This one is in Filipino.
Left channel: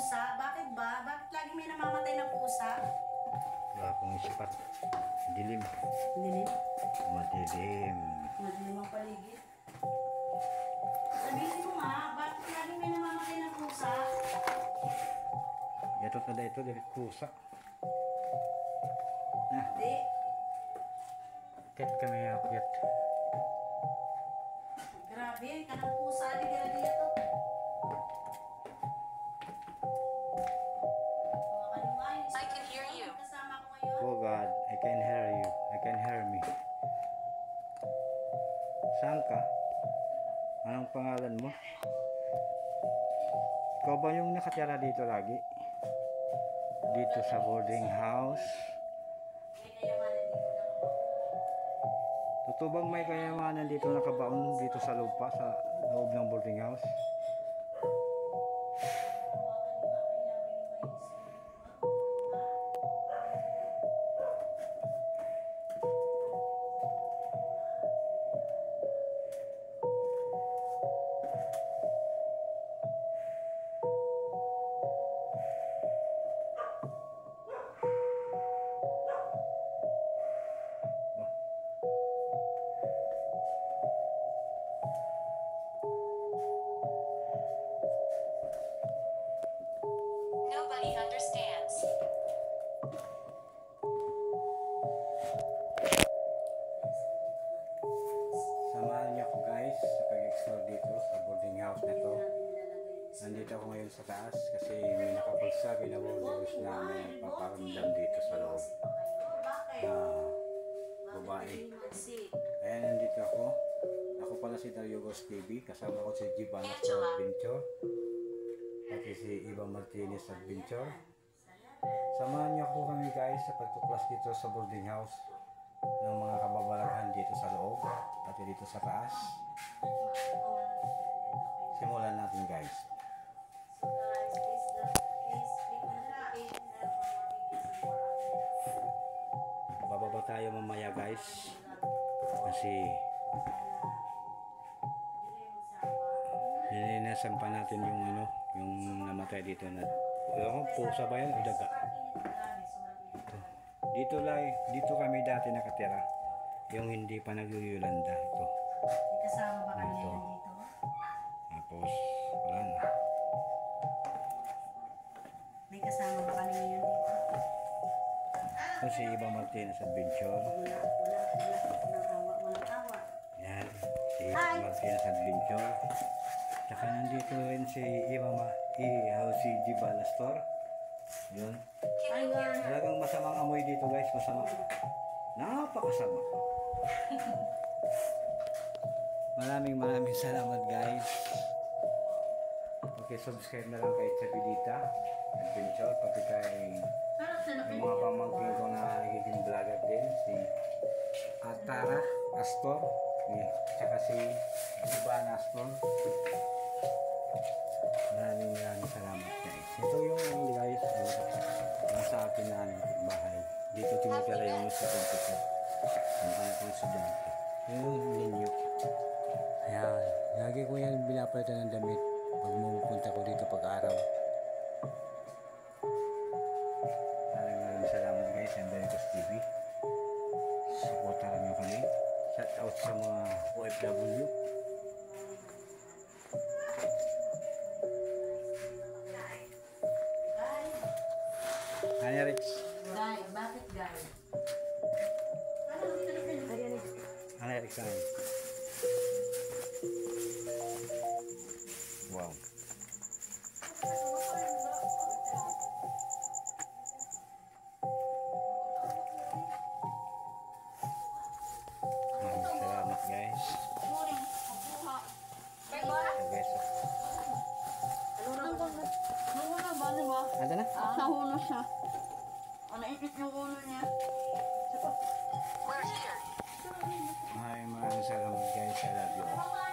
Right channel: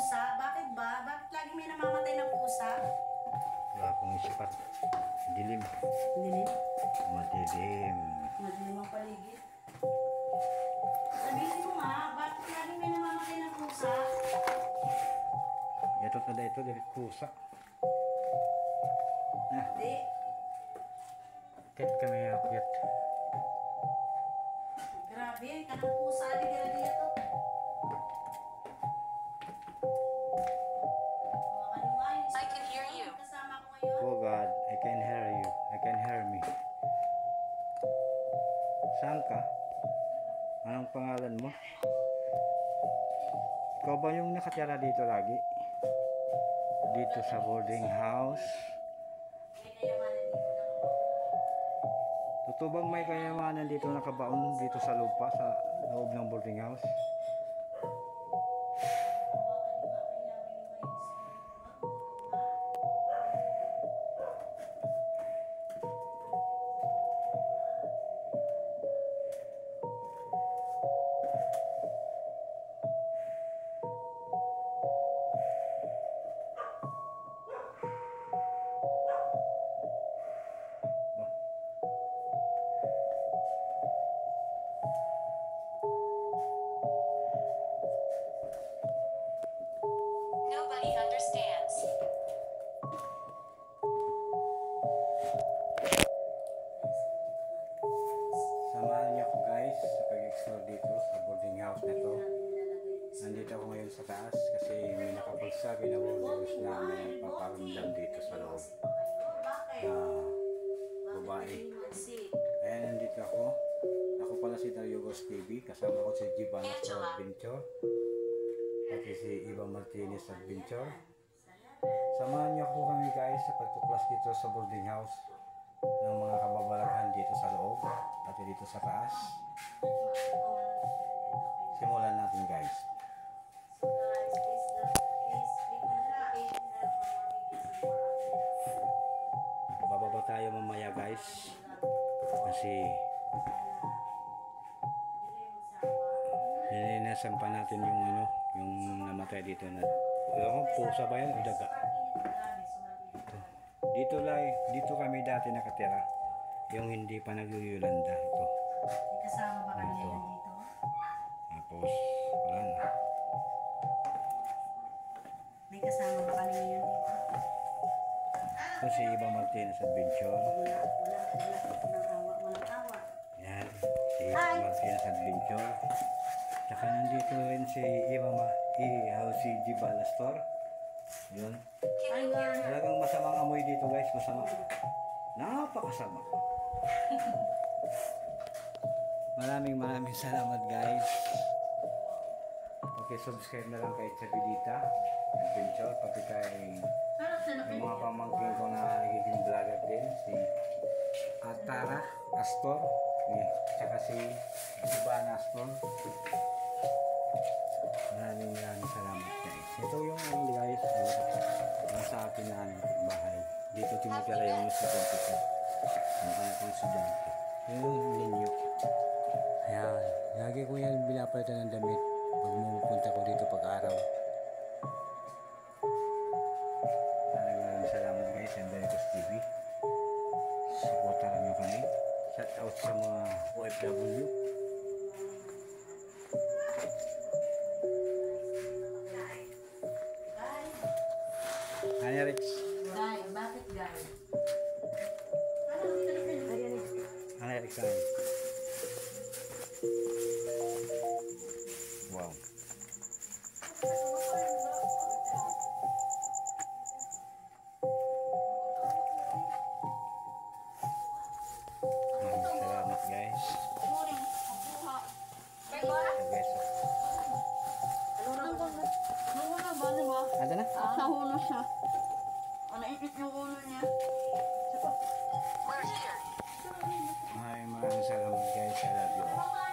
pusa? Bakit ba? Bakit lagi may namamatay na pusa? Wala akong isipat. Dilim. Dilim? Madilim. Madilim ang paligid. Sabihin mo nga, bakit lagi may namamatay na pusa? Ito tada ito, dari kusa. Nah, Hindi. ket kami akyat. Grabe, kanang pusa di dira to. I can hear you. Kasama ko ngayon. Oh God, I can hear you. I can hear me. Saan ka? Anong pangalan mo? Ikaw ba yung nakatira dito lagi? Dito sa boarding house? May kayamanan dito na ako. Totoo bang may kayamanan dito nakabaon dito sa lupa, sa loob ng boarding house? Nobody understands. Samahan niyo ako guys sa pag-explore dito sa boarding house na to. Nandito ako ngayon sa taas kasi may nakapagsabi na boarders na may nagpaparamdam dito sa loob na babae. Kaya nandito ako. Ako pala si Dariogos TV. Kasama ko si Gibanas Adventure. Pati si Iba Martinez Adventure. Samahan niyo ako kami guys sa pagtuklas dito sa boarding house ng mga kababalaghan dito sa loob pati dito sa taas. Simulan natin guys. Bababa tayo mamaya guys kasi nilinasan pa natin yung ano, yung namatay dito na pusa ba yan o daga? Dito kami dati nakatira, yung hindi pa nagyuyulanda ito. May kasama ba kami Ito. ngayon dito? Tapos wala na. May kasama ba kami ngayon dito? Ito si Iba Martinez Adventure. Walang awa, walang awa. Yan, si Iba Martinez Adventure. Tsaka nandito rin si si Gibanas Store. Yun. Ay, nga. Talagang masamang amoy dito guys, masama. Napakasama. Maraming salamat guys. Okay, subscribe na lang kay Chabidita Adventure, pati kay yung mga pamangkin ko na nagiging vlogger din, si Atara Astor, tsaka si Gibanas Astor. Maraming salamat guys. Ito yung guys, yung sa akin na bahay. Dito tinitira yung estudyante ko. Yung aking estudyante. Yung ninyo. Ayan. Lagi ko yan binapalitan ng damit pag pumunta ko dito pag-araw. Maraming salamat guys. Andalitos TV. Supportaran nyo kami. Shout out sa mga OFW. Ano Rex? Guy, bakit guy? Ano Rex? Wow. Maraming salamat guys. Sa beso. Ada na? Nahuno siya. Naipit yung ulo niya. We're here. Maraming salamat guys. I love you all.